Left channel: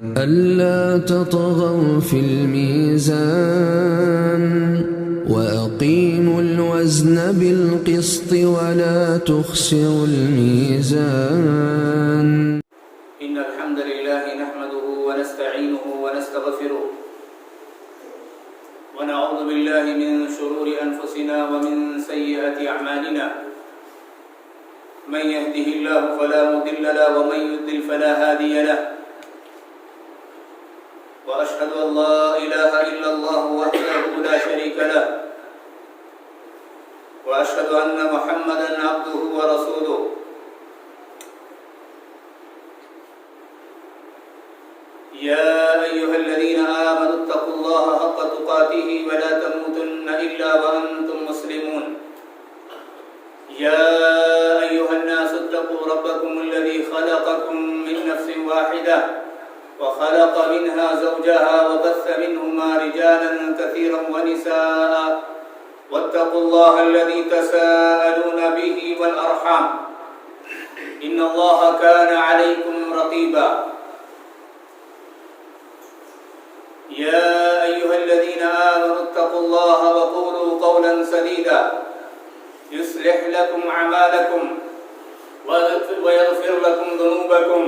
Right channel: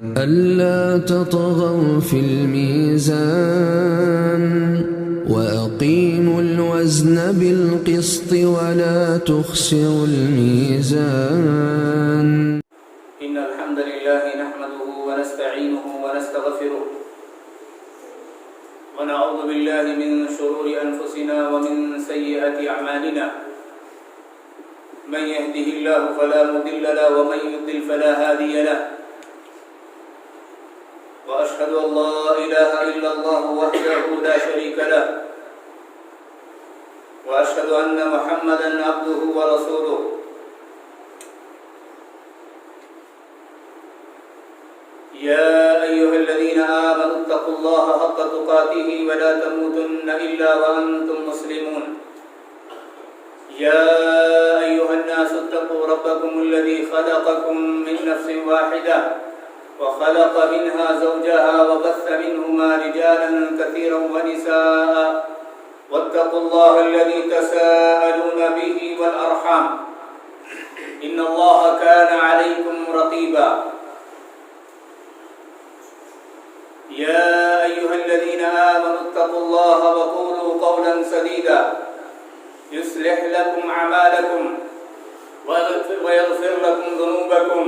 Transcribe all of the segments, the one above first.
ألا تطغوا في الميزان وأقيموا الوزن بالقسط ولا تخسروا الميزان. إن الحمد لله نحمده ونستعينه ونستغفره ونعوذ بالله من شرور أنفسنا ومن سيئات أعمالنا. من يهده الله فلا مضل له ومن يضلل فلا هادي له. وأشهد أن لا إله إلا الله وحده لا شريك له. وأشهد أن محمدا عبده ورسوله. يا أيها الذين آمنوا اتقوا الله حق تقاته ولا تموتن إلا وأنتم مسلمون. يا أيها الناس اتقوا ربكم الذي خلقكم من نفس واحدة وخلق منها زوجها وبث منهما رجالا كثيرا ونساء. واتقوا الله الذي تساءلون به والأرحام إن الله كان عليكم رقيبا. يا أيها الذين آمنوا اتقوا الله وقولوا قولا سديدا يصلح لكم أعمالكم ويغفر لكم ذنوبكم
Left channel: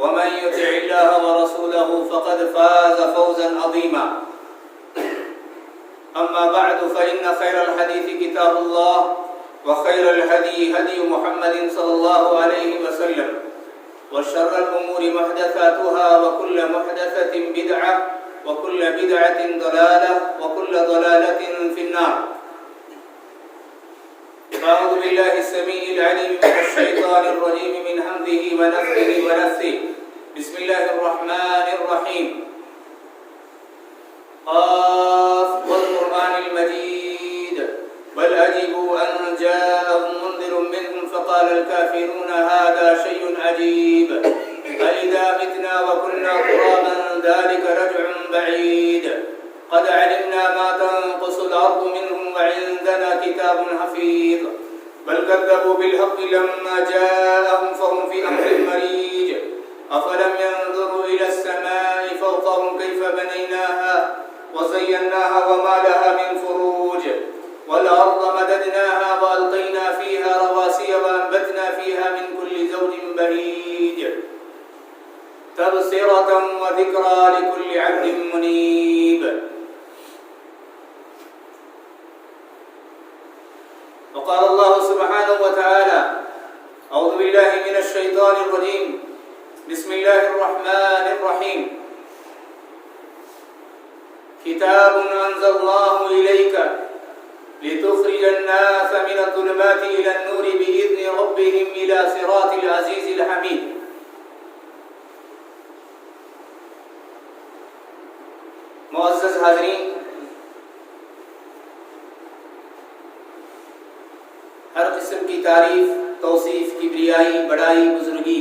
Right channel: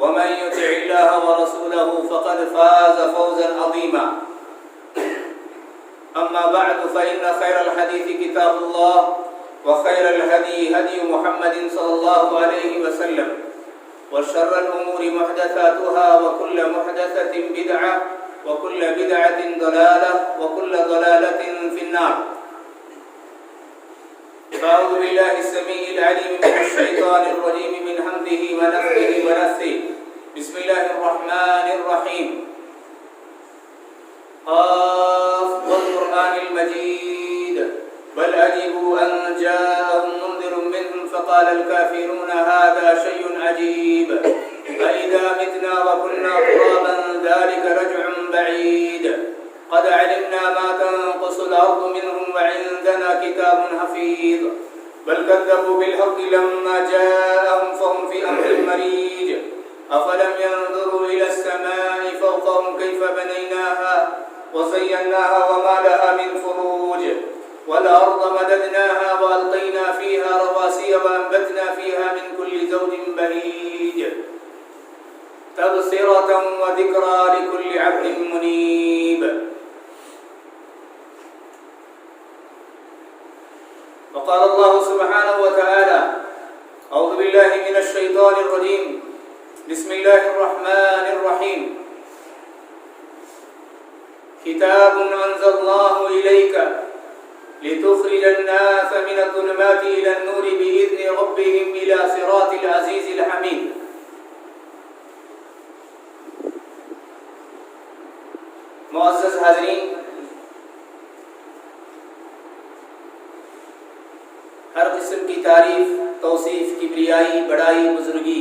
ومن يطع الله ورسوله فقد فاز فوزا عظيما. أما بعد فإن خير الحديث كتاب الله وخير الهدي هدي محمد صلى الله عليه وسلم وشر الأمور محدثاتها وكل محدثة بدعة وكل بدعة ضلالة وكل ضلالة في النار. أعوذ بالله السميع العليم من الشيطان الرجيم من همزه ونفخه ونفثه. بسم الله الرحمن الرحيم. قاف والقرآن المجيد بل عجبوا أن جاءهم منذر منهم فقال الكافرون هذا شيء عجيب أإذا متنا وكنا ترابا ذلك رجع بعيد قد علمنا ما تنقص الأرض منهم وعندنا كتاب حفيظ بل كذبوا بالحق لما جاءهم فهم في أمر مريج أفلم ينظروا إلى السماء فوقهم كيف بنيناها وزيناها وما لها من فروج والأرض مددناها وألقينا فيها رواسي وأنبتنا فيها من كل زوج بهيج تبصرة وذكرى لكل عبد منيب. وقال الله سبحانه وتعالى أعوذ بالله من الشيطان الرجيم بسم الله الرحمن الرحيم. كتاب أنزلناه إليك لتخرج الناس من الظلمات إلى النور بإذن ربهم إلى صراط العزيز الحميد. معزز حاضرین، ہر قسم کی تعریف، توصیف، کبریائی، بڑائی، بزرگی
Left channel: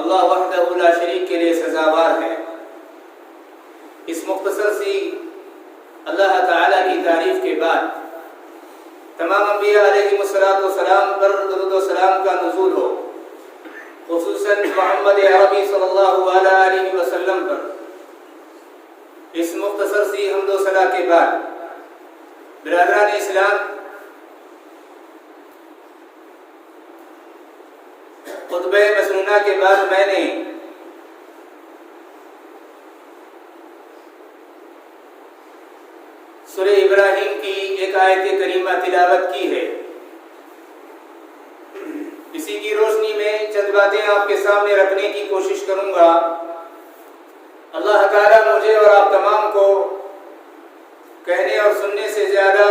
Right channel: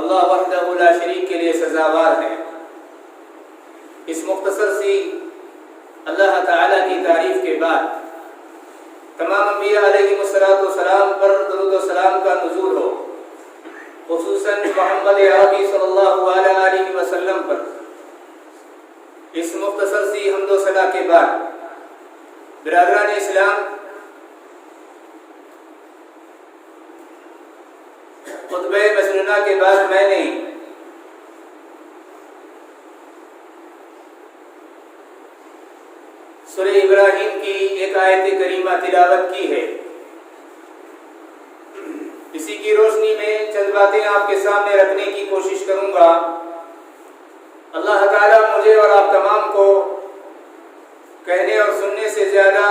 اللہ وحدہ لا شریک کے لیے سزاوار ہے۔ اس مختصر سی اللہ تعالیٰ کی تعریف کے بعد تمام انبیاء علیہ السلام پر درود و سلام کا نزول ہو، خصوصاً محمد عربی صلی اللہ علیہ وسلم پر۔ اس مختصر سی حمد و ثنا کے بعد برادران اسلام، خطبہ مسنونہ کے بعد میں نے سورہ ابراہیم کی ایک آیت کریمہ تلاوت کی ہے۔ اسی کی روشنی میں چند باتیں آپ کے سامنے رکھنے کی کوشش کروں گا۔ اللہ تعالیٰ مجھے اور آپ تمام کو کہنے اور سننے سے زیادہ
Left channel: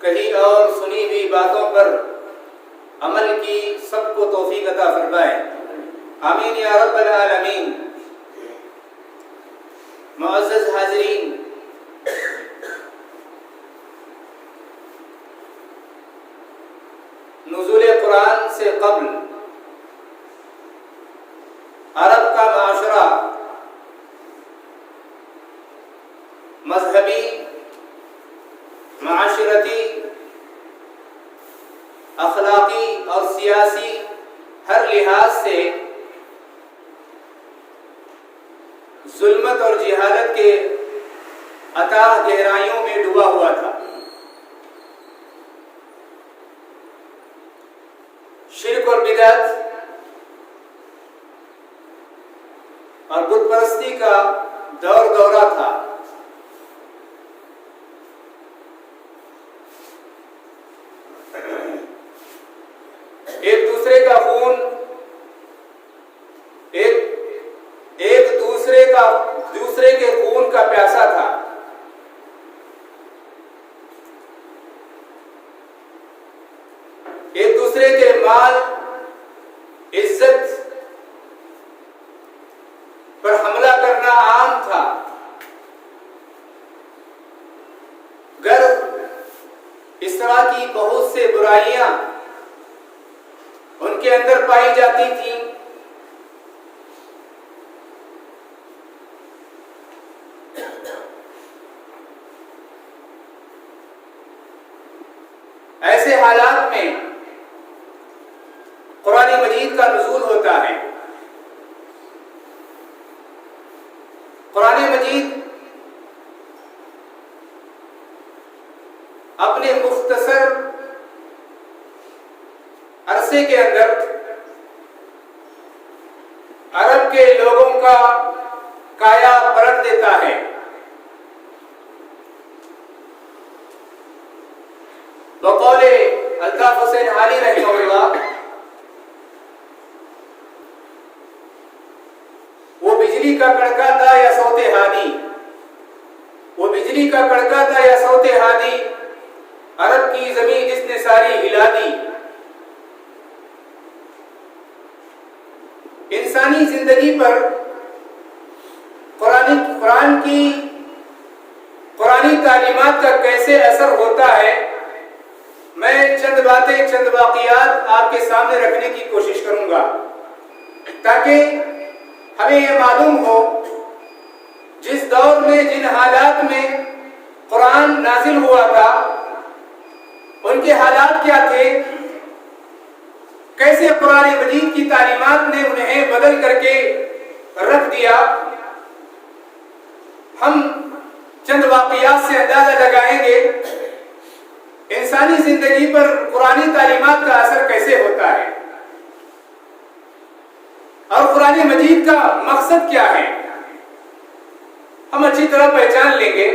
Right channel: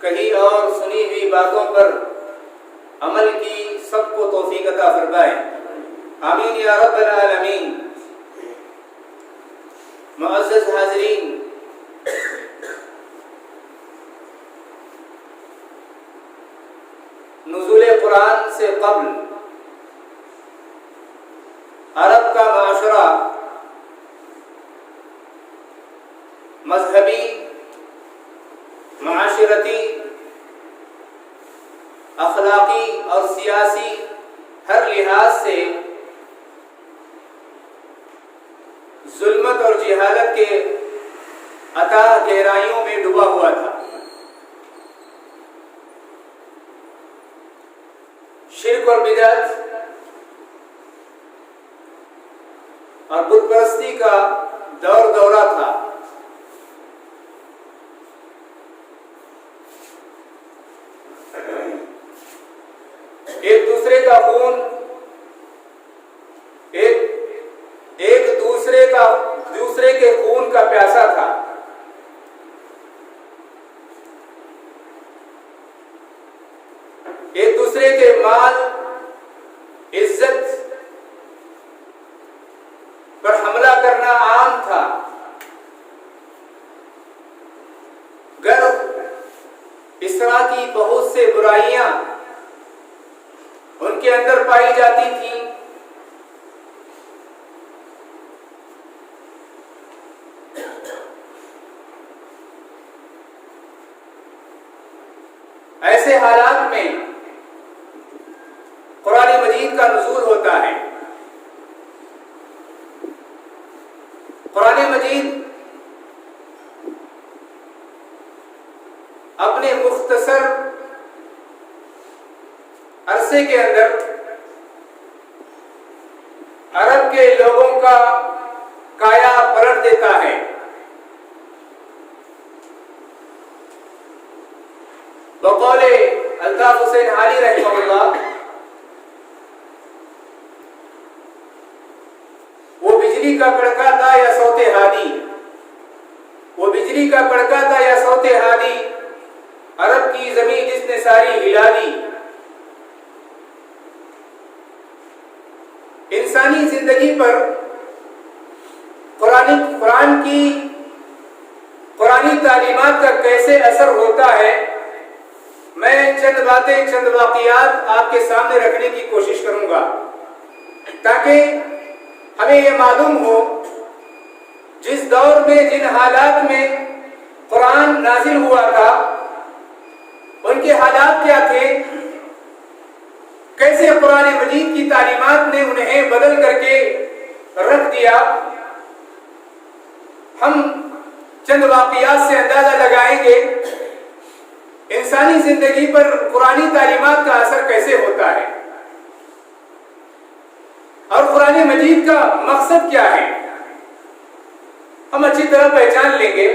کہی اور سنی ہوئی باتوں پر عمل کی سب کو توفیق عطا فرمائے، آمین یا رب العالمین۔ معزز حاضرین، نزول قرآن سے قبل عرب کا معاشرہ مذہبی، معاشرتی، اخلاقی اور سیاسی ہر لحاظ سے ظلمت اور جہالت کے اتاہ گہرائیوں میں ڈوبا ہوا تھا۔ شرک اور بدعت اور بت پرستی کا دور دورہ تھا۔ ایک دوسرے کا خون دوسرے کے خون کا پیاسا تھا۔ ایک دوسرے کے مال، عزت پر حملہ کرنا عام تھا۔ گر اس طرح کی بہت سے برائیاں ان کے اندر پائی جاتی تھیں، ایسے حالات میں قرآن مجید کا نزول ہوتا ہے۔ قرآن مجید اپنے مختصر عرصے کے اندر عرب کے لوگوں کا کایا پلٹ دیتا ہے۔ بقول الطاف حسین علی رحمہ اللہ، وہ بجلی کا کڑکا تھا یا صوت ہادی، وہ بجلی کا کڑکا تھا یا صوت ہادی، عرب کی زمین جس نے ساری ہلا دی۔ انسانی زندگی پر قرآنی تعلیمات کا کیسے اثر ہوتا ہے، میں چند باتیں، چند واقعات آپ کے سامنے رکھنے کی کوشش کروں گا تاکہ ہمیں یہ معلوم ہو جس دور میں، جن حالات میں قرآن نازل ہوا تھا، ان کے حالات کیا تھے، کیسے قرآن مجید کی تعلیمات نے انہیں بدل کر کے رکھ دیا۔ ہم چند واقعات سے اندازہ لگائیں گے انسانی زندگی پر قرآنی تعلیمات کا اثر کیسے ہوتا ہے اور قرآن مجید کا مقصد کیا ہے، ہم اچھی طرح پہچان لیں گے۔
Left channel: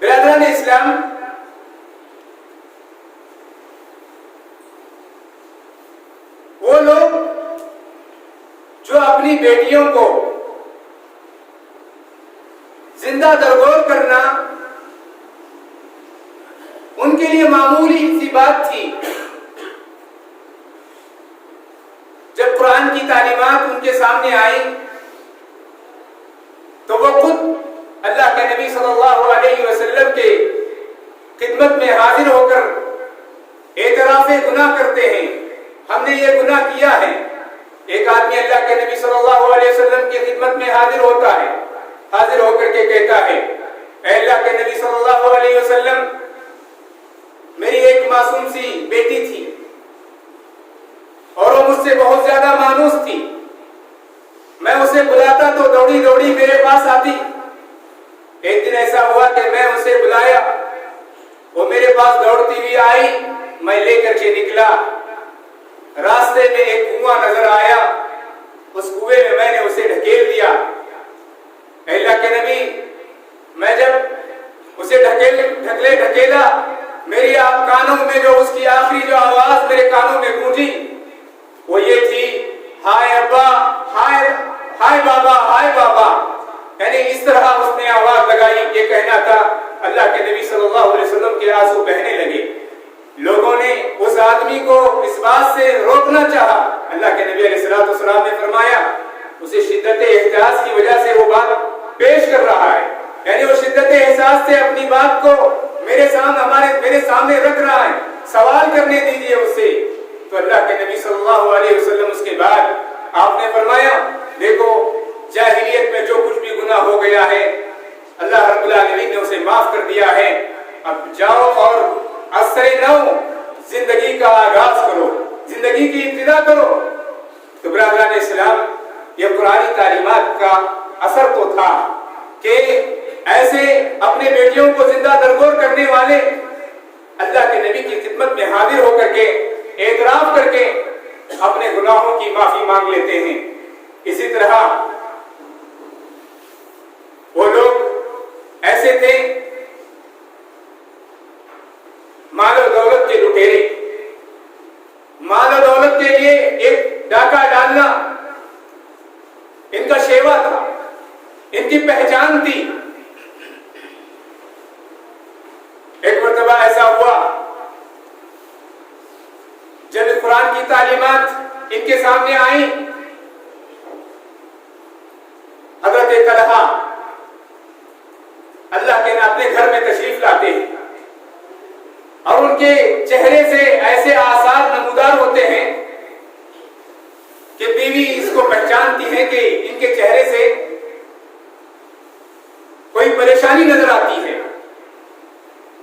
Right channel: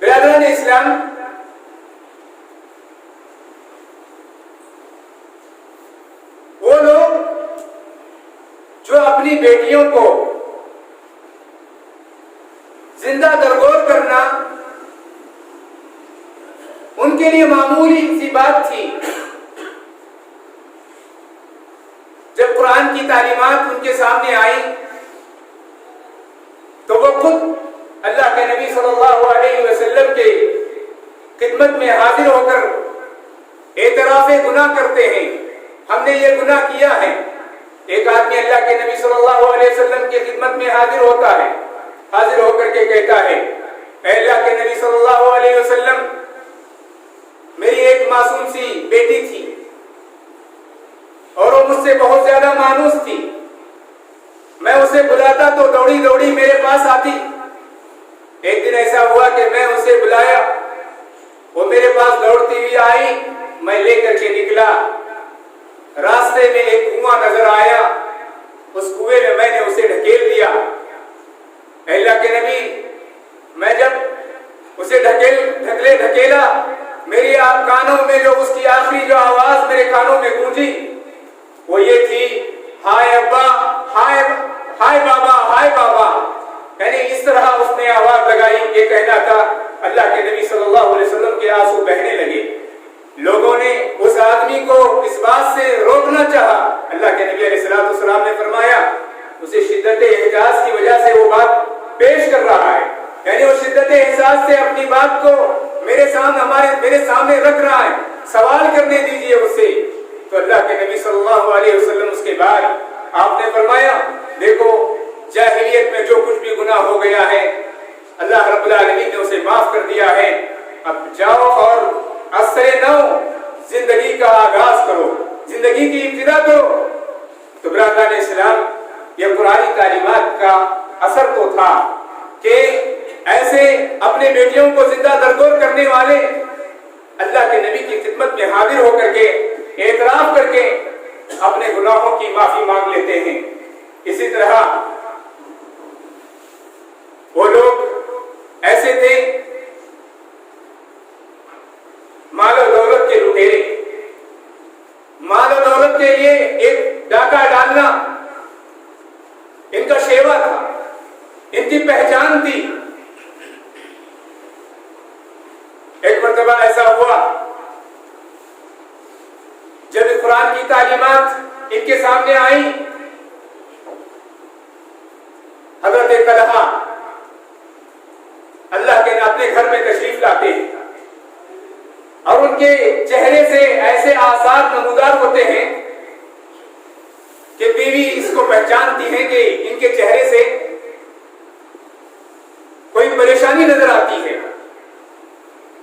برادران اسلام، وہ لوگ جو اپنی بیٹیوں کو زندہ درگور کرنا ان کے لیے معمولی سی بات تھی، جب قرآن کی تعلیمات ان کے سامنے آئی تو وہ خود اللہ کے نبی صلی اللہ علیہ وسلم کے خدمت میں حاضر ہو کر اعتراف گناہ کرتے ہیں، ہم نے یہ گناہ کیا ہے۔ ایک آدمی اللہ کے نبی صلی اللہ علیہ وسلم کی خدمت میں حاضر ہوتا ہے، حاضر ہو کر کے کہتا ہے، اے اللہ کے نبی صلی اللہ علیہ وسلم، میری ایک معصوم سی بیٹی تھی اور وہ مجھ سے بہت زیادہ مانوس تھی، میں اسے بلاتا تو دوڑی دوڑی میرے پاس آتی۔ ایک دن ایسا ہوا کہ میں اسے بلایا، وہ میرے پاس دوڑتی ہوئی آئی، میں لے کر کے نکلا، راستے میں ایک کنواں نظر آیا، اس کنویں میں نے اسے ڈھکیل دیا۔ اے اللہ کے نبی، میں جب اسے ڈھکیلا، میری کانوں میں جو اس کی آخری جو آواز میرے کانوں میں گونجی وہ یہ تھی، ہائے ابا، ہائے بابا، ہائے بابا، یعنی اس طرح اس نے آواز لگائی۔ یہ کہنا تھا، اللہ کے نبی صلی اللہ علیہ وسلم کے آنسو بہنے لگے۔ لوگوں نے اس آدمی کو اس بات سے روکنا چاہا، اللہ کے نبی علیہ السلام نے فرمایا اسے شدت احساس کی وجہ سے وہ بات پیش کر رہا ہے، یعنی وہ شدت احساس سے اپنی بات کو میرے سامنے رکھ رہا ہے، سوال کرنے دیجئے اس سے۔ تو اللہ کے نبی صلی اللہ علیہ وسلم اس کے بعد آپ نے فرمایا، دیکھو جاہلیت میں جو کچھ بھی گناہ ہو گیا ہے اللہ رب العالمین نے اسے معاف کر دیا ہے، اب جاؤ اور عصر نو زندگی کا آغاز کرو، زندگی کی ابتدا کرو۔ تو برادران اسلام، یہ قرآنی تعلیمات کا اثر تو تھا کہ ایسے اپنے بیٹیوں کو زندہ درگور کرنے والے اللہ کے نبی کی خدمت میں حاضر ہو کر کے اعتراف کر کے اپنے گناہوں کی معافی مانگ لیتے ہیں۔ اسی طرح وہ لوگ ایسے تھے مال و دولت کے لٹیرے، مال و دولت کے لیے ایک ڈاکہ ڈالنا ان کا شیوا تھا، ان کی پہچان تھی۔ ایک مرتبہ ایسا ہوا جب قرآن کی تعلیمات ان کے سامنے آئیں، حضرت طلحہ اللہ کے اپنے گھر میں تشریف لاتے ہیں اور ان کے چہرے سے ایسے آثار نمودار ہوتے ہیں کہ بیوی اس کو پہچانتی ہے کہ ان کے چہرے سے کوئی پریشانی نظر آتی ہے۔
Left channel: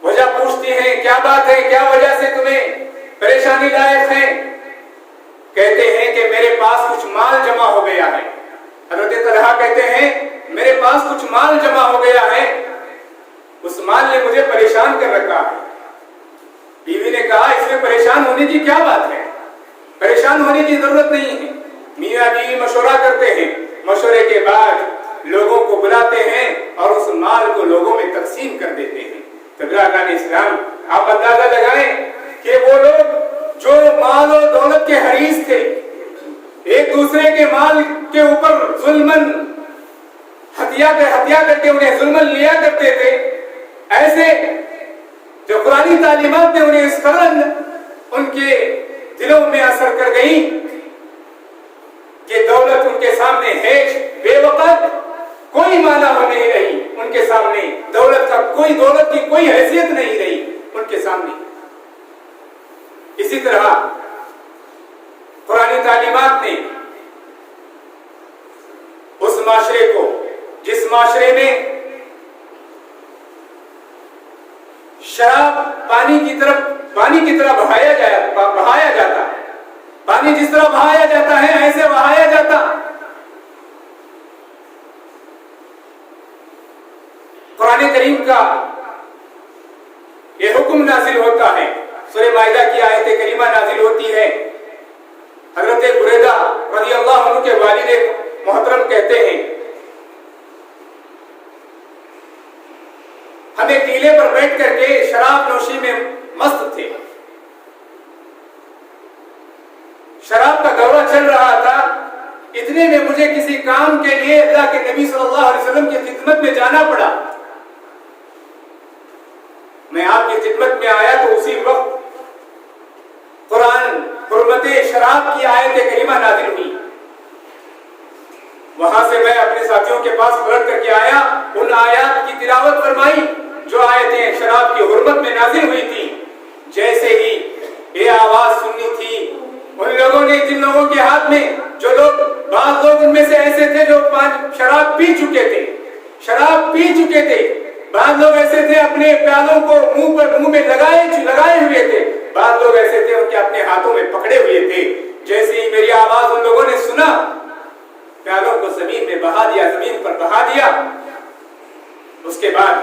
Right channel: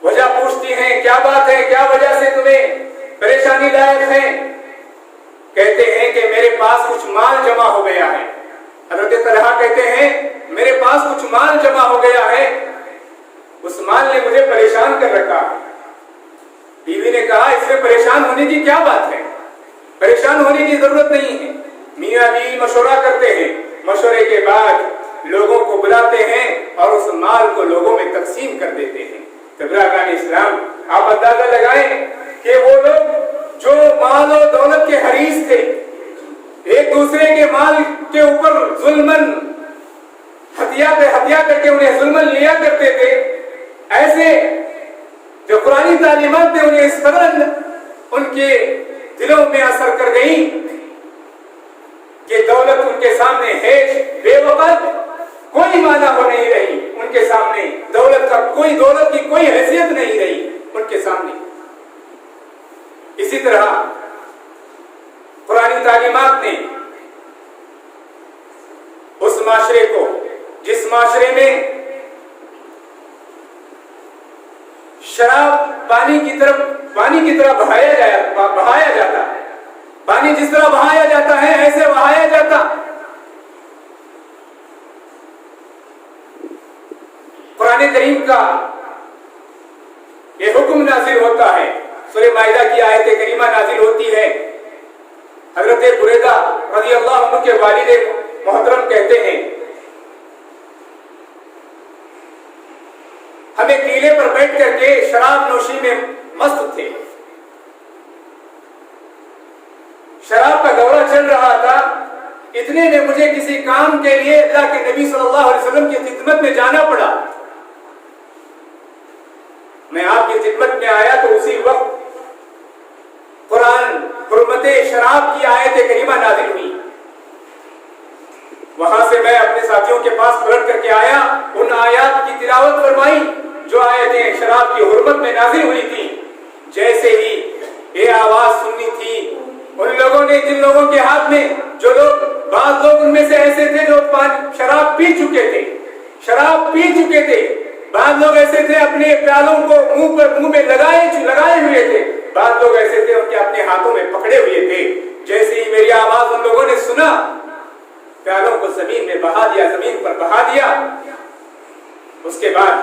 وجہ پوچھتی ہیں کیا بات ہے، کیا وجہ سے تمہیں پریشانی لائق ہے؟ کہتے ہیں کہ میرے پاس کچھ مال جمع ہو گیا ہے۔ حضرت طلحہ کہتے ہیں میرے پاس کچھ مال جمع ہو گیا ہے، اس مال نے مجھے پریشان کر رکھا ہے۔ بیوی نے کہا اس میں پریشان ہونے کی کیا بات ہے، پریشان ہونے کی ضرورت نہیں ہے۔ میاں بیوی مشورہ کرتے ہیں، مشورے کے بعد لوگوں کو بلاتے ہیں اور اس مال کو لوگوں میں تقسیم کر دیتے ہیں۔ برادران اسلام، آپ اندازہ لگائیں کہ وہ لوگ جو مال و دولت کے حریص تھے، ایک دوسرے کے مال کے اوپر ظلمن ہتھیا کر کے انہیں ظلمن لیا کرتے تھے، ایسے جو قرآنی تعلیمات نے انہیں اس قدر ان کے دلوں میں اثر کر گئیں کہ دولت ان کے سامنے ہیچ بے وقت کوئی معنی ہو نہیں رہی، ان کے سامنے دولت کی کوئی حیثیت نہیں رہی ان کے سامنے۔ اسی طرح قرآنی تعلیمات نے اس معاشرے کو، جس معاشرے میں شراب پانی کی طرح بہایا جاتا، پانی جس طرح بہایا جاتا ہے ایسے بہایا جاتا، قرآن کریم کا یہ حکم نازل ہوتا ہے۔ سورہ مائدہ کی آیت کریمہ نازل ہوتی ہے۔ حضرت بریدہ رضی اللہ عنہ کے والد محترم کہتے ہیں ہمیں ٹیلے پر بیٹھ کر کے شراب نوشی میں مست تھے، شراب کا دورہ چل رہا تھا، اتنے میں مجھے کسی کام کے لیے اللہ کے نبی صلی اللہ علیہ وسلم کی خدمت میں جانا پڑا۔ میں آپ کی خدمت میں آیا تو اسی وقت قرآن حرمت شراب کی آیت کریمہ نازل ہوئی۔ وہاں سے میں اپنے ساتھیوں کے پاس پلٹ کر کے آیا، ان آیات کی تلاوت فرمائی جو آیتیں شراب کی حرمت میں نازل ہوئی تھی۔ جیسے ہی یہ آواز سننی تھی، ان لوگوں نے، جن لوگوں کے ہاتھ میں، جو لوگ، بعض لوگ ان میں سے ایسے تھے جو شراب پی چکے تھے، بعض لوگ ایسے تھے اپنے پیالوں کو منہ میں لگائے ہوئے تھے، بعض لوگ ایسے تھے ان کے اپنے ہاتھوں میں پکڑے ہوئے تھے۔ جیسے ہی میری آواز ان لوگوں نے سنا، پیالوں کو زمین پر بہا دیا۔ اس کے بعد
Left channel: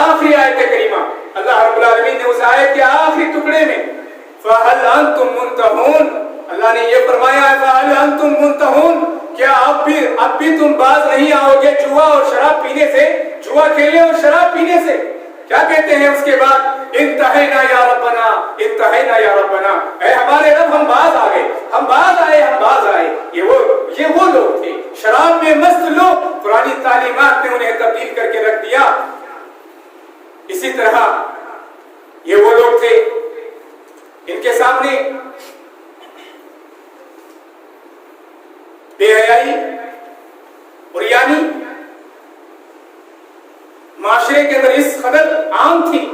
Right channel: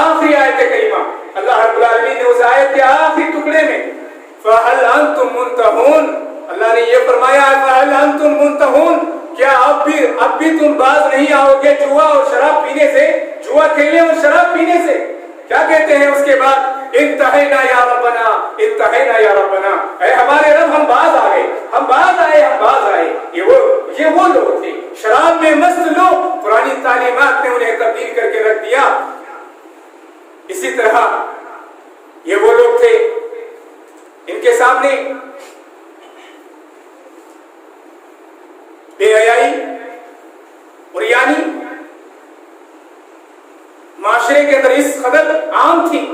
آخری آیت کریمہ، اللہ رب العالمین نے اس آیت کے آخری ٹکڑے میں فَهَلْ أَنْتُمْ مُنْتَهُونَ، اللہ نے یہ فرمایا فَهَلْ أَنْتُمْ مُنْتَهُونَ، کیا اب بھی تم باز نہیں آؤ گے جوا اور شراب پینے سے، جوا کھیلنے اور شراب پینے سے؟ کیا کہتے ہیں اس کے بعد؟ انتہینا یا ربنا، انتہینا یا ربنا، اے ہمارے رب ہم باز آ گئے، ہم باز آئے۔ یہ وہ لوگ تھے شراب میں مست لوگ، قرآنی تعلیمات نے انہیں تبدیل کر کے رکھ دیا۔ اسی طرح یہ وہ لوگ تھے ان کے سامنے بے حیائی اور یعنی معاشرے کے اندر اس قدر عام تھی،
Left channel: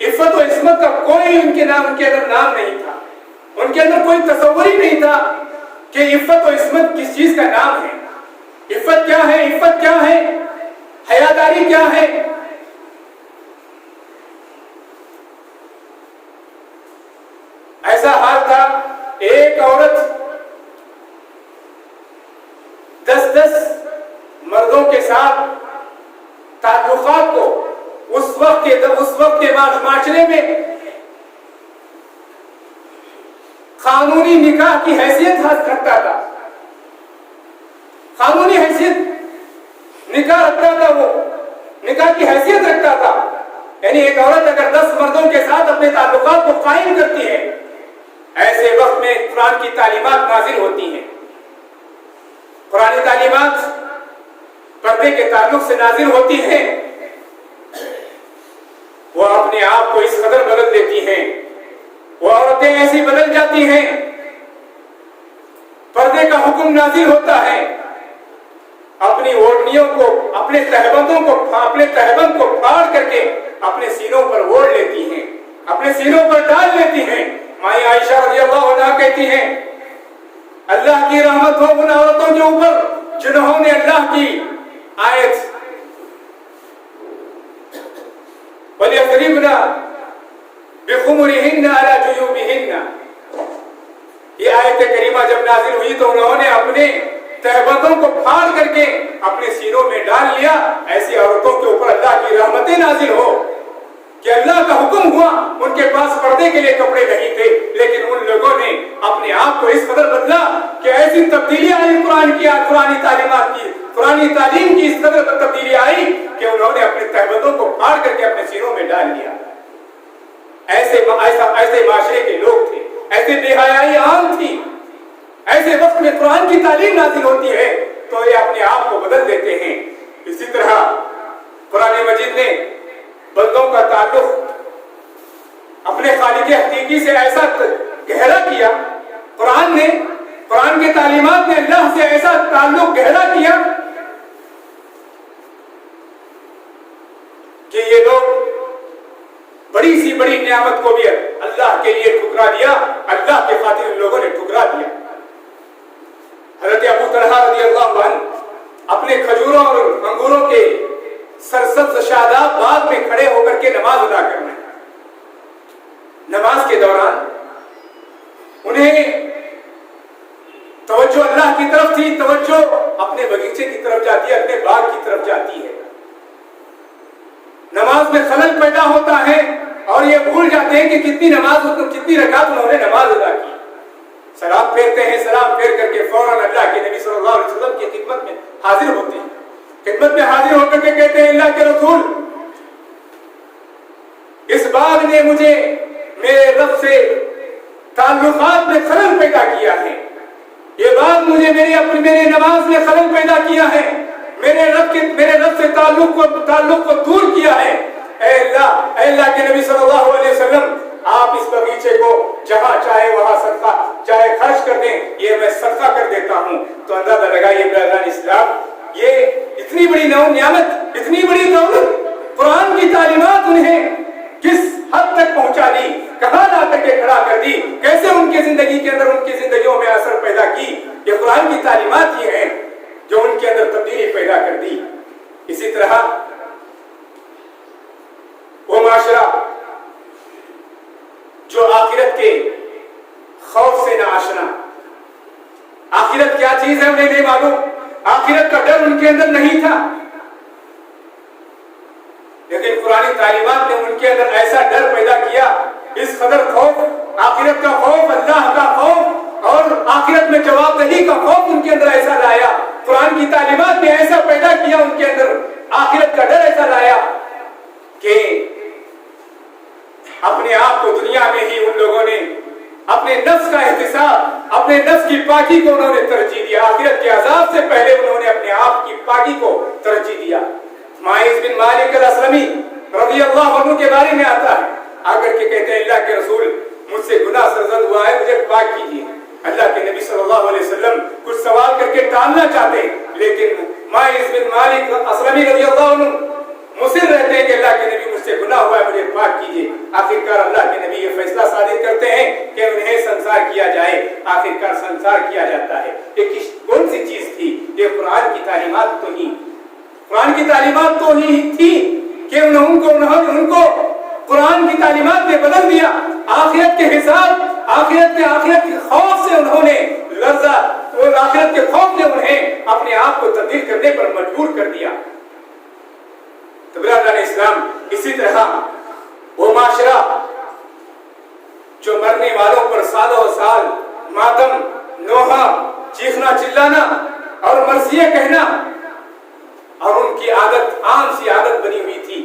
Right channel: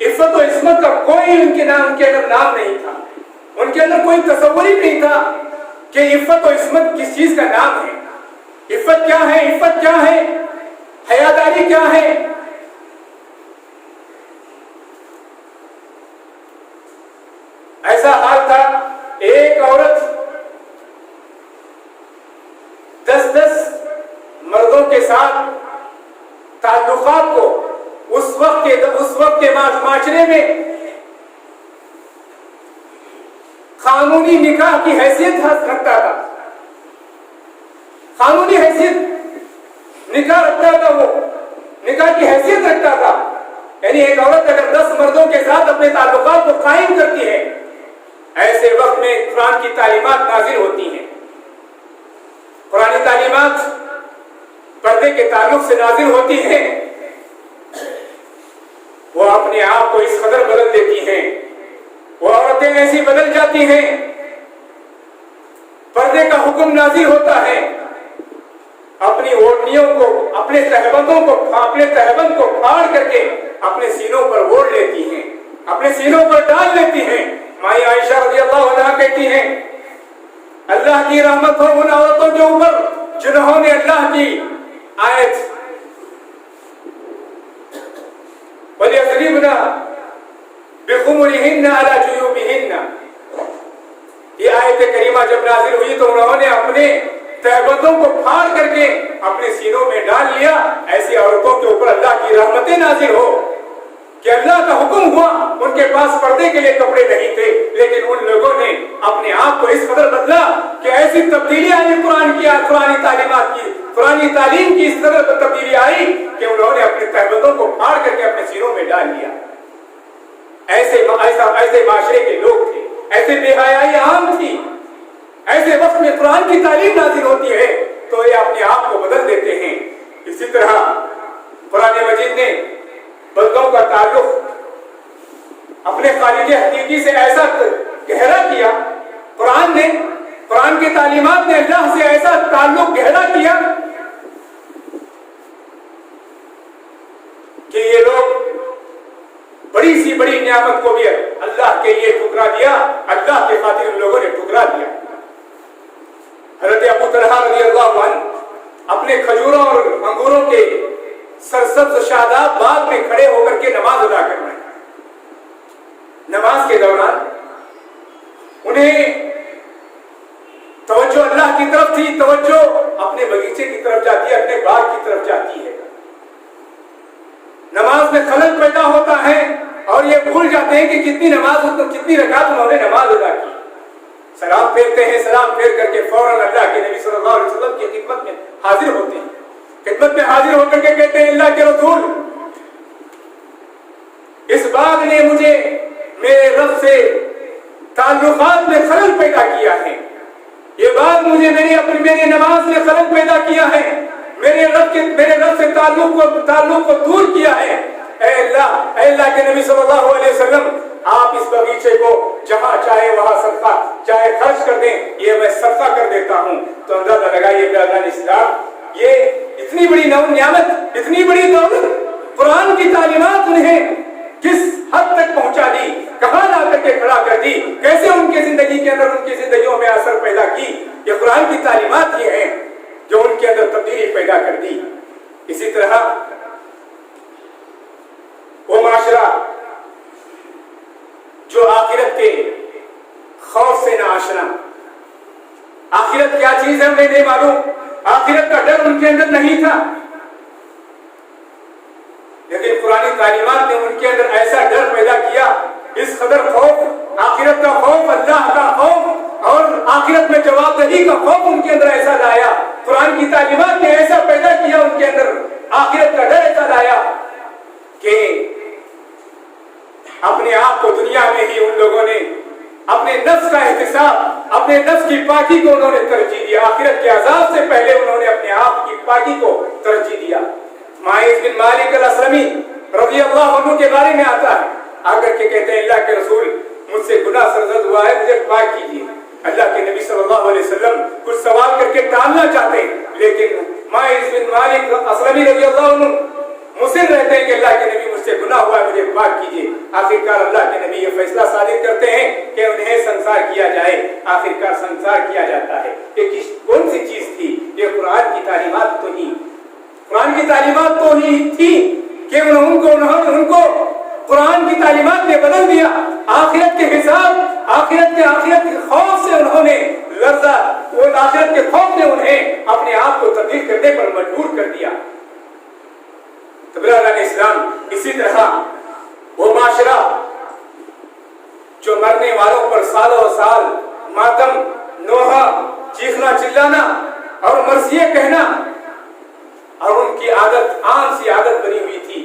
عفت و عصمت کا کوئی ان کے اندر نام نہیں تھا، ان کے اندر کوئی تصور ہی نہیں تھا کہ عفت و عصمت کس چیز کا نام ہے، عفت کیا ہے، عفت کیا ہے، حیاداری کیا ہے۔ ایسا حال تھا، ایک عورت کے ساتھ تعلقات کو اس وقت کے معاشرے میں قانونی نکاح کی حیثیت رکھتا تھا، قانونی حیثیت نکاح رکھتا تھا، وہ نکاح کی حیثیت رکھتا تھا. یعنی ایک عورت اگر 10 مردوں کے ساتھ اپنے تعلقات کو قائم کرتی ہے، ایسے وقت میں قرآن کی تعلیمات نازل ہوتی ہیں. قرآنی تعلیمات پردے کے تعلق سے نازل ہوتی ہیں. وہ اپنے آپ کو اس قدر بدل دیتی ہیں، وہ عورتیں ایسی بدل جاتی ہیں. پردے کا حکم نازل ہوتا ہے، اپنی اوڑھنیوں کو، اپنے تہبند کو پھاڑ کر کے اپنے سینوں پر اوڑھ لیتی ہیں، اپنے سینوں پر ڈال لیتی ہیں. مائی عائشہ رضی اللہ عنہا کہتی ہیں اللہ کی رحمت ہو ان عورتوں کے اوپر جنہوں نے اللہ کی آیت وَلْيَضْرِبْنَ بِخُمُرِهِنَّ عَلَى جُيُوبِهِنَّ، یہ آیت کریمہ جب نازل ہوئی تو انہوں نے اپنے تہبندوں کو پھاڑ کر کے اپنے سینوں میں ڈال لیا. ایسی عورتوں کے اوپر اللہ کی رحمتیں نازل ہو کہ اللہ کا حکم ہوا. ان کے پاس پردے کے لیے کپڑے نہیں تھے، لیکن ان لوگوں نے اپنے آپ کو اس قدر بدلا کہ ایسی تبدیلی آئی قرآنی تعلیم کی اس قدر تبدیلی آئی کہ انہوں نے اپنے تہبندوں کو پھاڑ کر کے اپنے سینوں میں ڈال لیا. ایسے معاشرے کے لوگ تھے، ایسے بے حیائی عام تھی. ایسے وقت میں قرآن کی تعلیم نازل ہوتی ہے تو یہ اپنے آپ کو بدل دیتے ہیں. اسی طرح قرآن مجید نے بندوں کا تعلق اپنے خالق حقیقی سے ایسا گہرا کیا، قرآن کی تعلیمات نے اللہ سے ایسا تعلق گہرا کیا کہ یہ لوگ بڑی سی بڑی نعمت کو بھی اللہ کے لیے ٹھکرا دیا، اللہ کے خاطر ان لوگوں نے ٹھکرا دیا. حضرت ابو طلحہ رضی اللہ عنہ اپنے کھجوروں اور انگوروں کے سرسبز شاداب باغ میں کھڑے ہو کر کے نماز ادا کر رہے ہیں. نماز کے دوران انہیں توجہ اللہ کی طرف تھی، توجہ اپنے باغیچے کی طرف جاتی ہے، اپنے باغ کی طرف جاتی ہے. نماز میں خلل پیدا ہوتا ہے اور یہ بھول جاتے ہیں کہ کتنی رکعت انہوں نے نماز ادا کی. سلام پھیرتے ہیں، سلام پھیر کر کے فوراً اللہ کے نبی صلی اللہ علیہ وسلم کی خدمت میں حاضر ہوتے ہیں. خدمت میں حاضر ہو کر کے کہتے ہیں اللہ کے رسول، اس باغ نے مجھے میرے رب سے تعلقات میں خلل پیدا کیا ہے، یہ باغ مجھے میری نماز میں خلل پیدا کیا ہے، میرے رب سے تعلق کو دور کیا ہے. اے اللہ کے نبی صلی اللہ علیہ وسلم، آپ اس باغیچے کو جہاں چاہے وہاں صدقہ چاہے خرچ کر دیں، یہ میں صدقہ کر دیتا ہوں. تو اندازہ لگائیے برادران اسلام، یہ اتنی بڑی نعمت، اتنی بڑی دولت، قرآن کی تعلیمات انہیں کس حد تک پہنچا دی، کہاں لا کر کے کھڑا کر دی، کیسے ان کی زندگی کے اندر، ان کی زندگیوں میں اثر پیدا کی. یہ قرآن کی تعلیمات ہی ہیں جو ان کے اندر تبدیلی پیدا کر دی. اسی طرح وہ معاشرہ جو آخرت کے خوف سے نہ آشنا، آخرت کیا چیز ہے انہیں نہیں معلوم، آخرت کا ڈر ان کے اندر نہیں تھا، لیکن قرآن تعلیمات نے ان کے اندر ایسا ڈر پیدا کیا، اس قدر خوف، آخرت کا خوف، اللہ کا خوف اور آخرت میں جواب دہی کا خوف ان کے اندر ایسا لایا. قرآن کی تعلیمات نے ایسا پیدا کیا ان کے اندر، آخرت کا ڈر ایسا لایا کہ اپنے آپ کو دنیا میں ہی ان لوگوں نے اپنے نفس کا احتساب، اپنے نفس کی پاکی کو انہوں نے ترجیح دیا. آخرت کے عذاب سے پہلے انہوں نے اپنے آپ کی پاکی کو ترجیح دیا. ماعز بن مالک الاسلمی رضی اللہ عنہ کے بارے میں آتا ہے، آ کر کے کہتے ہیں اللہ کے رسول، مجھ سے گناہ سرزد ہوا ہے، مجھے پاک کیجیے. اللہ کے نبی صلی اللہ علیہ وسلم کچھ سوال کر کے ٹالنا چاہتے، لیکن ماعز بن مالک الاسلمی رضی اللہ عنہ مصر رہتے ہیں کہ اللہ کے نبی مجھ سے گناہ ہوا ہے، مجھے پاک کیجیے. آخرکار اللہ کے نبی یہ فیصلہ صادر کرتے ہیں کہ انہیں سنسار کیا جائے. آخرکار سنسار کیا جاتا ہے. یہ کون سی چیز تھی؟ یہ قرآن کی تعلیمات تو ہی، قرآن کی تعلیمات تو ہی تھی کہ ان کو قرآن کی تعلیمات نے بدل دیا. آخرت کے حساب، آخرت کے خوف سے انہوں نے لرزہ، وہ آخرت کے خوف نے انہیں اپنے آپ کو تبدیل کرنے پر مجبور کر دیا. چیخنا چلانا اور مرثیے کہنا، اور ان کی عادت عام سی عادت بنی ہوئی تھی.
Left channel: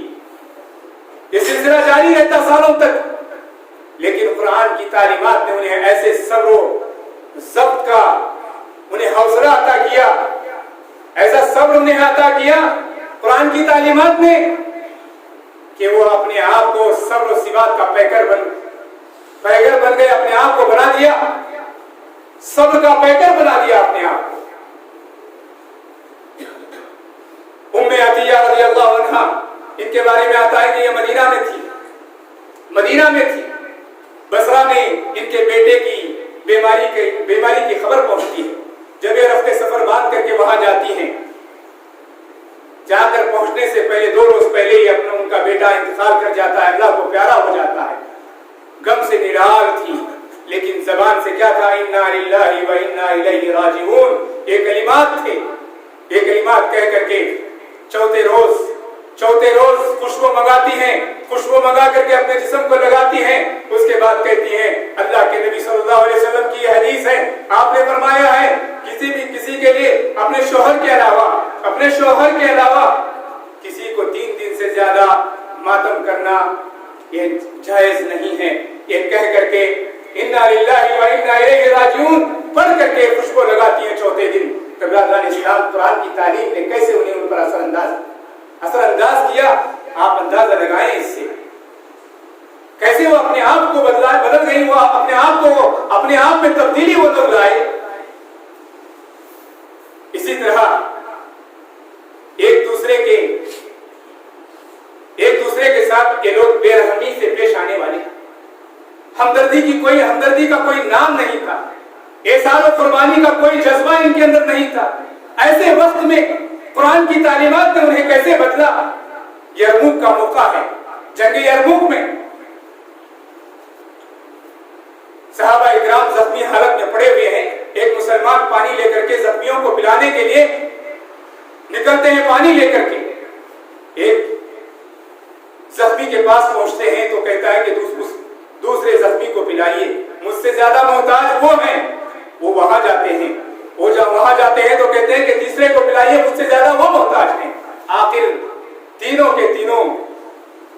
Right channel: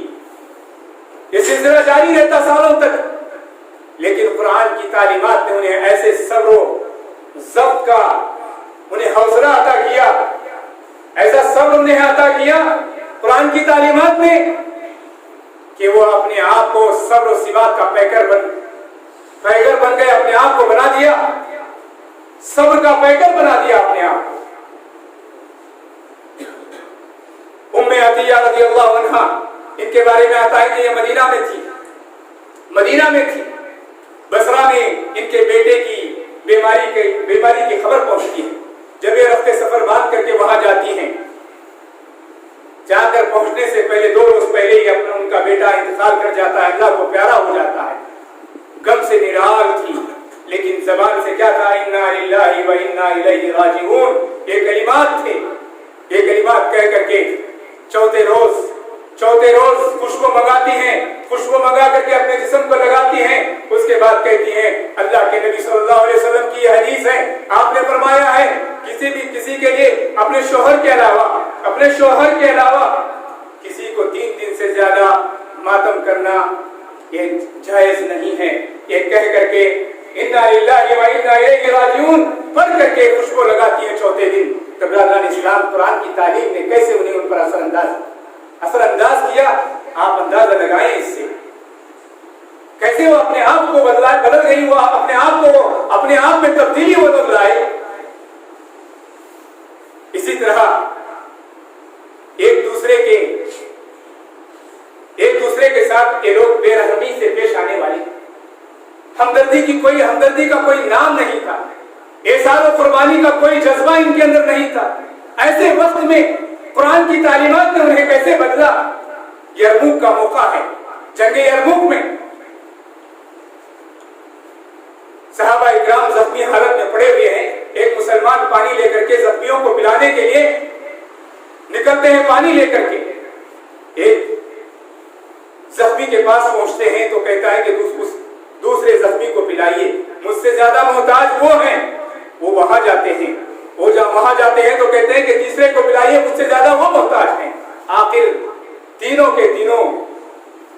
یہ سلسلہ جاری رہتا سالوں تک، لیکن قرآن کی تعلیمات نے انہیں ایسے صبر و ضبط کا انہیں حوصلہ عطا کیا، ایسا صبر انہیں عطا کیا قرآن کی تعلیمات نے کہ وہ اپنے آپ کو صبر و ثبات کا پیکر بن گئے، اپنے آپ کو بنا دیا، صبر کا پیکر بنا دیا اپنے آپ کو. ام عطیہ رضی اللہ عنہا، ان کے بارے میں آتا ہے کہ یہ مدینہ میں تھی. بصرہ میں ان کے بیٹے کی بیماری کی خبر پہنچتی ہے. جب یہ رفتے سفر باندھ کر کے وہاں جاتی ہیں، جا کر پہنچنے سے پہلے 2 روز پہلے ہی ان کا بیٹا انتقال کر جاتا ہے، اللہ کو پیارا ہو جاتا ہے. غم سے نڈال تھی، لیکن زبان سے کیا تھا؟ انا للہ و انا الیہ راجعون. یہ کلمات تھے. یہ کلمات کہہ کر کے چوتھے روز خوشبو منگاتی ہیں، خوشبو منگا کر کے اپنے جسم کو لگاتی ہیں. اس کے بعد کہتی ہیں، اللہ کے نبی صلی اللہ علیہ وسلم کی یہ حدیث ہے، آپ نے فرمایا ہے کسی کے لیے اپنے شوہر کے علاوہ کسی کو 3 دن سے زیادہ ماتم کرنا یہ جائز نہیں ہے. یہ کہہ کر کے انا للہ و انا الیہ راجعون پڑھ کر کے خوشبو لگاتی ہیں چوتھے دن. تو برادران اسلام، قرآن کی تعلیم نے کیسے انہیں ان پر اثر انداز کیا، آپ اندازہ لگائیں اس سے. کیسے وہ اپنے آپ کو بدل گئی، وہ اپنے آپ میں تبدیلی وہ لوگ لائے. اسی طرح ایک دوسرے کے ساتھ یہ لوگ بے رحمی سے پیش آنے والے، ہمدردی کا کوئی نام نہیں تھا، احسان و قربانی کا کوئی جذبہ ان کے اندر نہیں تھا. ایسے وقت میں قرآن کی تعلیمات نے انہیں کیسے بدلا. یرموک کا موقع ہے، جنگ یرموک میں صحابہ اکرام زخمی حالت میں پڑے ہوئے ہیں. ایک مسلمان پانی لے کر کے زخمیوں کو پلانے کے لیے نکلتے ہیں، پانی لے کر کے ایک زخمی کے پاس پہنچتے ہیں تو کہتا ہے کہ دوسرے زخمی کو پلائیے، مجھ سے زیادہ محتاج وہ ہیں. وہ وہاں جاتے ہیں، تو کہتے ہیں کہ تیسرے کو پلائیے، مجھ سے زیادہ وہ محتاج ہیں. آخر تینوں کے تینوں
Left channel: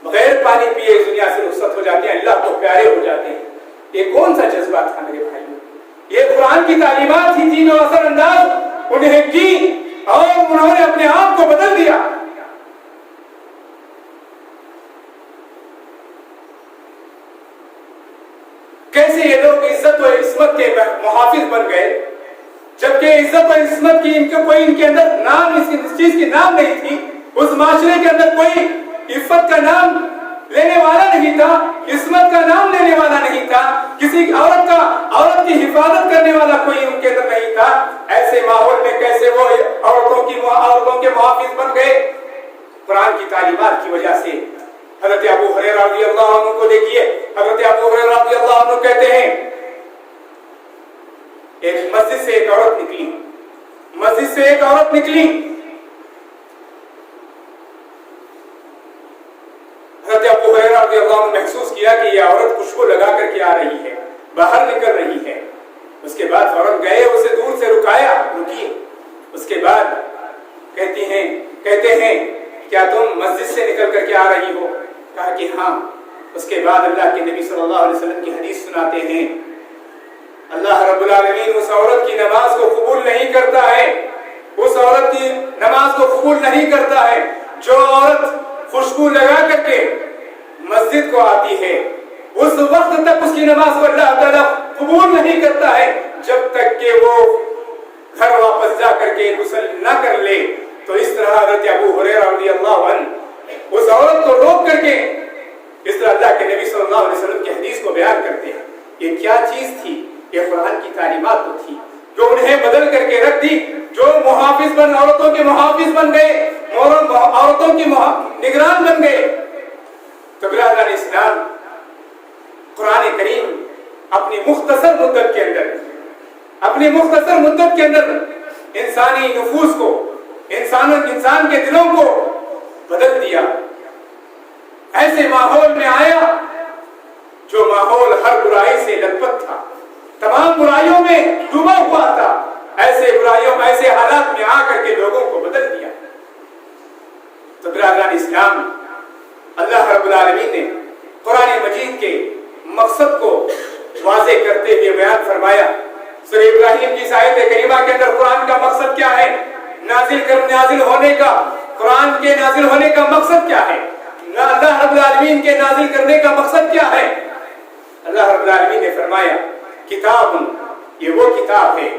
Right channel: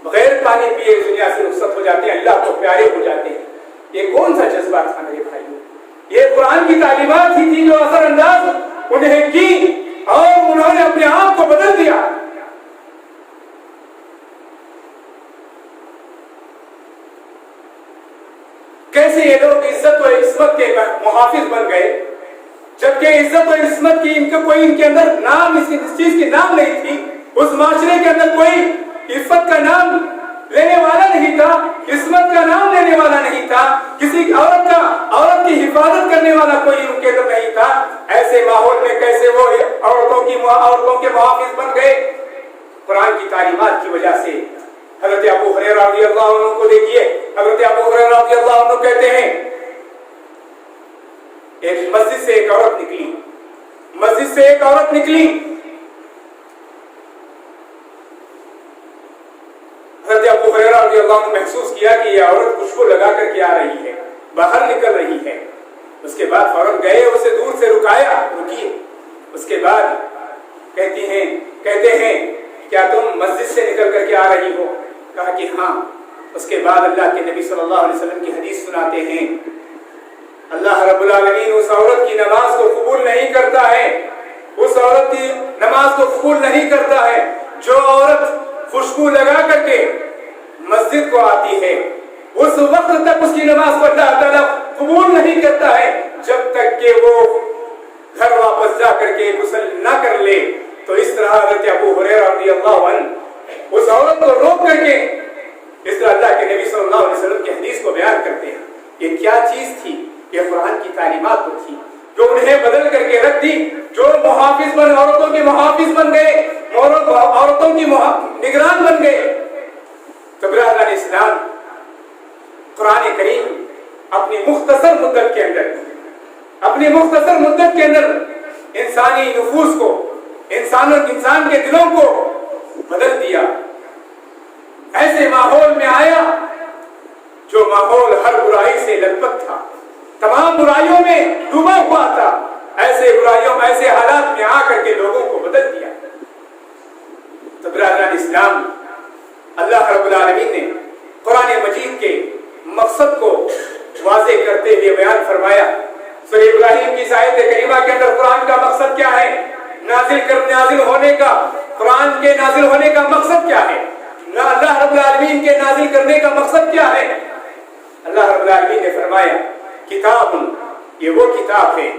بغیر پانی پیے اس دنیا سے رخصت ہو جاتے ہیں، اللہ کو پیارے ہو جاتے ہیں. یہ کون سا جذبہ تھا میرے بھائیوں؟ یہ قرآن کی تعلیمات ہی تھی جو اثر انداز انہیں کی اور انہوں نے اپنے آپ کو بدل دیا. کیسے یہ لوگ عزت و عصمت کے محافظ بن گئے، جبکہ عزت و عصمت کی ان کے اندر نام، اس چیز کی نام نہیں تھی. اس معاشرے کے اندر کوئی عفت کا نام لینے والا نہیں تھا، عصمت کا نام لینے والا نہیں تھا، کسی عورت کی حفاظت کرنے والا کوئی ان کے اندر نہیں تھا. ایسے ماحول میں کیسے وہ عورتوں کے محافظ بن گئے؟ قرآن کی تعلیمات کی وجہ سے. حضرت ابو ہریرہ رضی اللہ عنہ کو دیکھیے، حضرت ابو ہریرہ رضی اللہ عنہ کہتے ہیں ایک مسجد سے ایک عورت نکلی. حضرت ابو ہریرہ رضی اللہ عنہ محسوس کیا کہ یہ عورت خوشبو لگا کر کے آ رہی ہے، باہر نکل رہی ہے. اس کے بعد فوراً گئے، اسے دور سے رکایا، رکیے. اس کے بعد کہتے ہیں کیا تم مسجد سے نکل کر کے آ رہی ہو؟ کہا کہ ہاں. اس کے بعد اللہ کے نبی صلی اللہ علیہ وسلم کی حدیث سناتے ہیں، اللہ رب العالمین اس عورت کی نماز کو قبول نہیں کرتا ہے، اس عورت کی نماز کو قبول نہیں کرتا ہے جو عورت خوشبو لگا کر کے مسجد کو آتی ہے. اس وقت تک اس کی نماز کو اللہ تعالیٰ قبول نہیں کرتا ہے جب تک کہ وہ گھر واپس جا کر کے غسل نہ کر لے. تو اس طرح حضرت ابو ہریرہ رضی اللہ عنہ اس عورت کو روک کر کے اس طرح اللہ کے نبی صلی اللہ علیہ وسلم کی حدیث کو بیان کرتے ہیں. یہ کیا چیز تھی؟ یہ قرآن کی تعلیمات تو تھی جو انہیں بدل کر کے رکھ دی، جو عورتوں کے محافظ بن گئے، عورتوں کی نگران بن گئے. تو برادران اسلام، قرآن کریم اپنی مختصر مدت کے اندر انسانی نفوس کو، انسان کے دلوں کو بدل دیا. ایسے ماحول میں آیا جو ماحول ہر برائی سے لت پت تھا، تمام برائیوں میں ڈوبا ہوا تھا. ایسے ایسے برائیوں میں ایسے حالات میں آ کر کے لوگوں کو بدل دیا. تو برادران اسلام، اللہ رب العالمین نے قرآن مجید کے مقصد کو واضح کرتے ہوئے بیان فرمایا. سورہ ابراہیم کی آیت کریمہ کے اندر قرآن کا مقصد کیا ہے، نازل ہونے کا، قرآن کے نازل ہونے کا مقصد کیا ہے، اللہ رب العالمین کے نازل کرنے کا مقصد کیا ہے. اللہ رب العالمین نے فرمایا کتاب، یہ وہ کتاب ہے،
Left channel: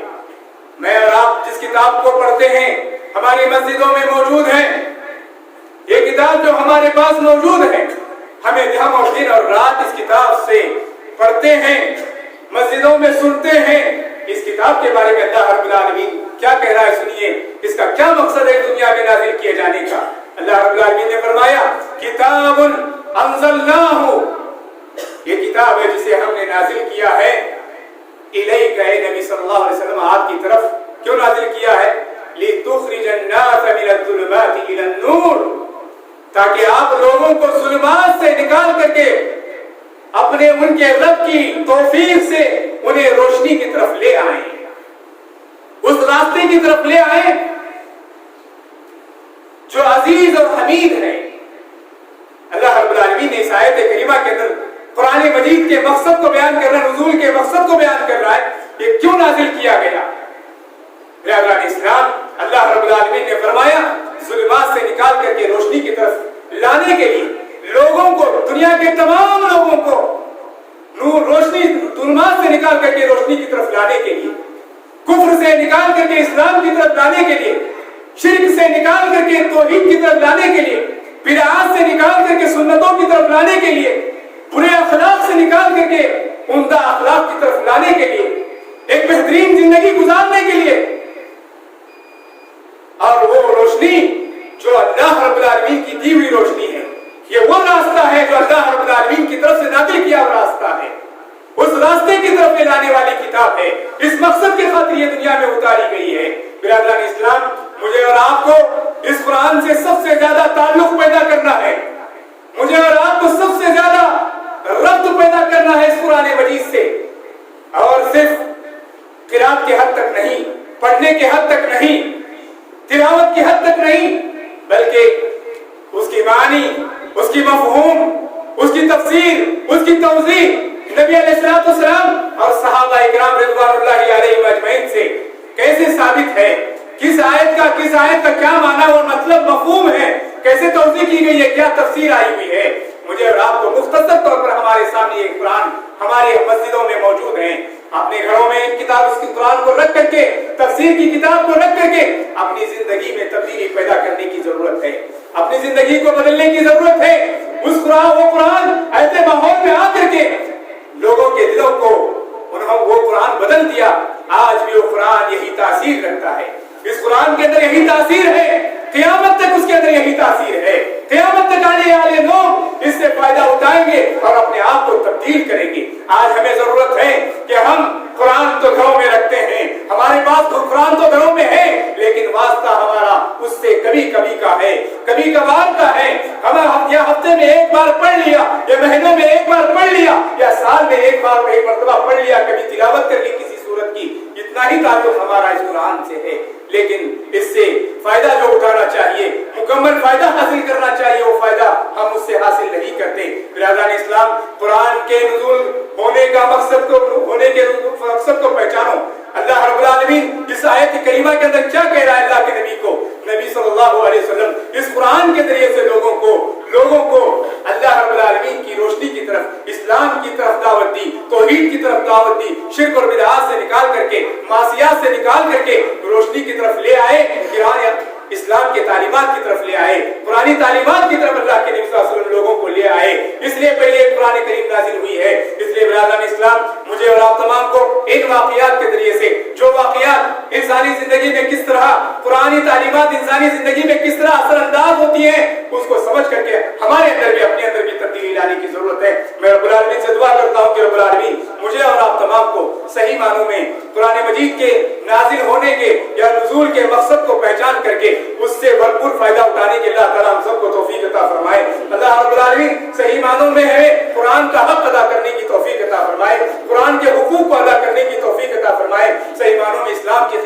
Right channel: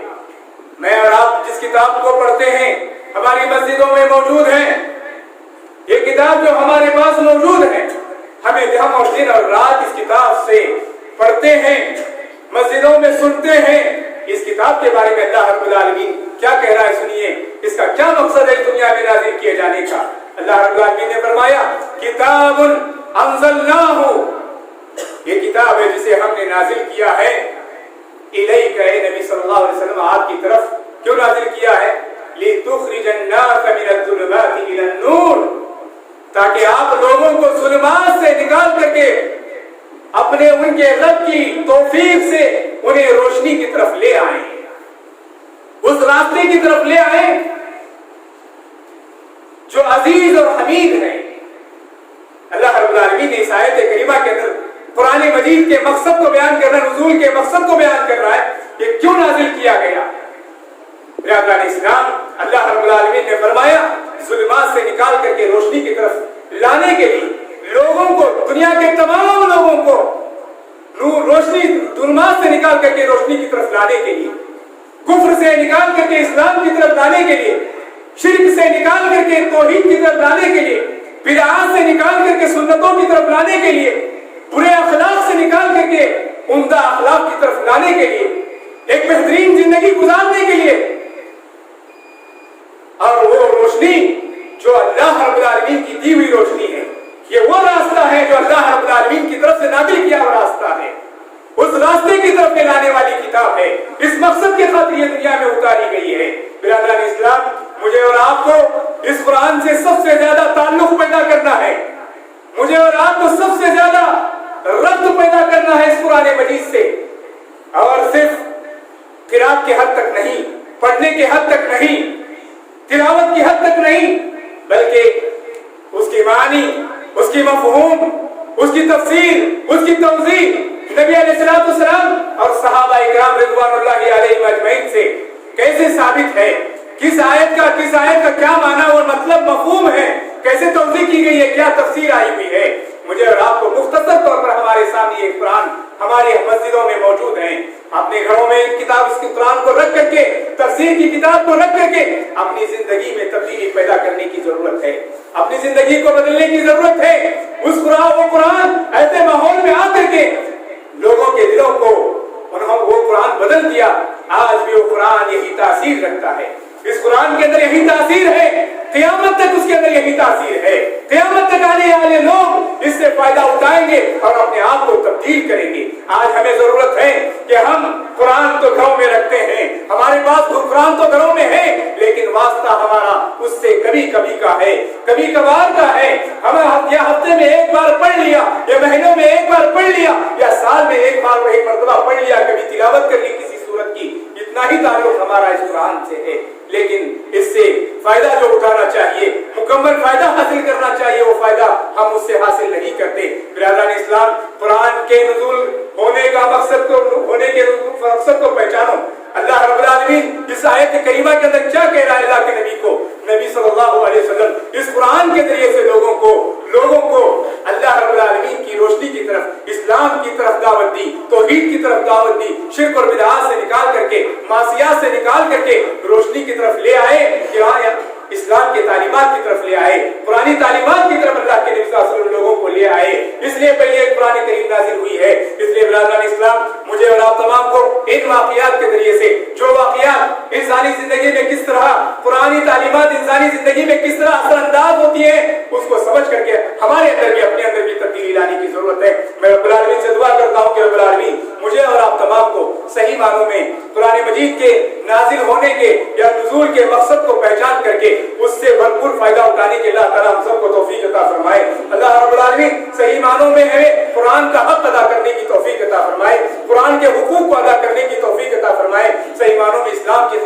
میں اور آپ جس کتاب کو پڑھتے ہیں ہماری مسجدوں میں موجود ہے، یہ کتاب جو ہمارے پاس موجود ہے، ہم اور دن اور رات اس کتاب سے پڑھتے ہیں، مسجدوں میں سنتے ہیں. اس کتاب کے بارے میں اللہ رب العالمین کیا کہہ رہا ہے سنیے، اس کا کیا مقصد ہے دنیا میں نازل کیے جانے کا. اللہ رب العالمین نے فرمایا کتاب انزلناہ، یہ کتاب ہے جسے ہم نے نازل کیا ہے، الیک، اے نبی صلی اللہ علیہ وسلم آپ کی طرف. کیوں نازل کیا ہے؟ لتخرج الناس من الظلمات الى النور، تاکہ آپ لوگوں کو ظلمات سے نکال کر کے اپنے ان کے رب کی توفیق سے انہیں روشنی کی طرف لے آئیں، اس راستے کی طرف لے آئیں جو عزیز اور حمید ہے. اللہ رب العالمین نے اس آیت کریمہ کے اندر قرآن مجید کے مقصد کو بیان کر رہا ہے، نزول کے مقصد کو بیان کر رہا ہے، یہ کیوں نازل کیا گیا. برادران اسلام، اللہ رب العالمین نے فرمایا ظلمات سے نکال کر کے روشنی کی طرف لانے کے لیے، لوگوں کو، دنیا کے تمام لوگوں کو نور، روشنی، ظلمات سے نکال کر کے روشنی کی طرف لانے کے لیے، کفر سے نکال کر کے اسلام کی طرف لانے کے لیے، شرک سے نکال کر کے توحید کی طرف لانے کے لیے، بدعات سے نکال کر کے سنتوں کی طرف لانے کے لیے، برے اخلاق سے نکال کر کے عمدہ اخلاق کی طرف لانے کے لیے، ایک بہترین زندگی گزارنے کے لیے. اور وہ روشنی جو اللہ رب العالمین کی دی ہوئی روشنی ہے، یہ وہ راستہ ہے جو اللہ رب العالمین کی طرف سے نازل کیا ہوا راستہ ہے، اس راستے کی طرف لے لانے والی کتاب ہے. اس مقصد کے خاطر یہ دنیا میں اتاری گئی ہے. برادران اسلام، مجھے اور آپ کو اس قرآن سے سب سے زیادہ تعلق پیدا کرنا ہے، مجھے اور آپ کو سب سے زیادہ ربط پیدا کرنا ہے اس قرآن مجید سے، اور صرف قرات کے حد تک نہیں، پڑھنے کے حد تک نہیں، تلاوت کی حد تک نہیں، بلکہ اس کی معنی، اس کی مفہوم، اس کی تفسیر، اس کی توضیح نبی علیہ الصلوۃ والسلام اور صحابہ اکرام رضوان اللہ علیہم اجمعین سے کیسے ثابت ہے، کس آیت کا کیا معنی اور مطلب مفہوم ہے، کیسے توضیح کی گئی ہے، کیا تفسیر آئی ہوئی ہے. مجھے اور آپ کو مختصر طور پر ہمارے سامنے یہ قرآن ہماری مسجدوں میں موجود ہیں. اپنے گھروں میں کتاب، اس قرآن کو رکھ کر کے، تفسیر کی کتاب کو رکھ کر کے اپنی زندگی میں تبدیلی پیدا کرنے کی ضرورت ہے، اپنی زندگی کو بدلنے کی ضرورت ہے. وہ قرآن ایسے ماحول میں آ کر کے لوگوں کے دلوں کو وہ قرآن بدل دیا. آج بھی وہ قرآن یہی تاثیر رکھتا ہے، اس قرآن کے اندر یہی تاثیر ہے، قیامت تک اس کے اندر یہی تاثیر ہے. قیامت تک آنے والے لوگ اس سے فائدہ اٹھائیں گے اور اپنے آپ کو تبدیل کریں گے. آج ہمیں ضرورت ہے کہ ہم قرآن تو گھروں میں رکھتے ہیں، ہمارے پاس قرآن تو گھروں میں ہے، لیکن واسطہ ہمارا اس سے کبھی کبھی کا ہے، کبھی کبھار کا ہے. ہم یا ہفتے میں ایک بار پڑھ لیا، یا مہینوں میں ایک بار پڑھ لیا، یا سال میں ایک مرتبہ پڑھ لیا، کبھی تلاوت کر لی کسی سورت کی، اتنا ہی تعلق ہمارا اس قرآن سے ہے. لیکن اس سے فائدہ جو اٹھانا چاہیے، مکمل فائدہ حاصل کرنا چاہیے، وہ فائدہ ہم اس سے حاصل نہیں کرتے. برادران اسلام، قرآن کے نزول ہونے کا مقصد کو پہچانو. اللہ رب العالمین اس آیت کریمہ کے اندر کیا کہہ رہا ہے اللہ کے نبی کو؟ نبی صلی اللہ علیہ وسلم اس قرآن کے ذریعے سے لوگوں کو اللہ رب العالمین کی روشنی کی طرف، اسلام کی طرف دعوت دی، توحید کی طرف دعوت دی، شرک اور بدعات سے نکال کر کے، معصیات سے نکال کر کے روشنی کی طرف لے آئے، اسلام کے تعلیمات کی طرف لے آئے، قرآنی تعلیمات کی طرف اللہ کے نبی صلی اللہ علیہ وسلم لوگوں کو لے آئے. اس لیے پہلے قرآن کریم نازل ہوئی ہے. اس لیے برادران اسلام، مجھے اور آپ تمام کو ان واقعات کے ذریعے سے، جو واقعات انسانی زندگی میں کس طرح، قرآنی تعلیمات انسانی زندگی میں کس طرح اثر انداز ہوتی ہیں، اس کو سمجھ کر کے ہمارے اندر بھی، اپنے اندر بھی تبدیلی لانے کی ضرورت ہے. میں رب العالمین سے دعا کرتا ہوں کہ رب العالمین مجھے اور آپ تمام کو صحیح معنوں میں قرآن مجید کے نازل ہونے کے یا نزول کے مقصد کو پہچان کر کے اس سے بھرپور فائدہ اٹھانے کے اللہ تعالیٰ ہم سب کو توفیق عطا فرمائے. اللہ رب العالمین صحیح معنوں میں ہمیں قرآن کا حق ادا کرنے کی توفیق عطا فرمائے، قرآن کے حقوق کو ادا کرنے کی توفیق عطا فرمائے، صحیح معنوں میں اسلام کی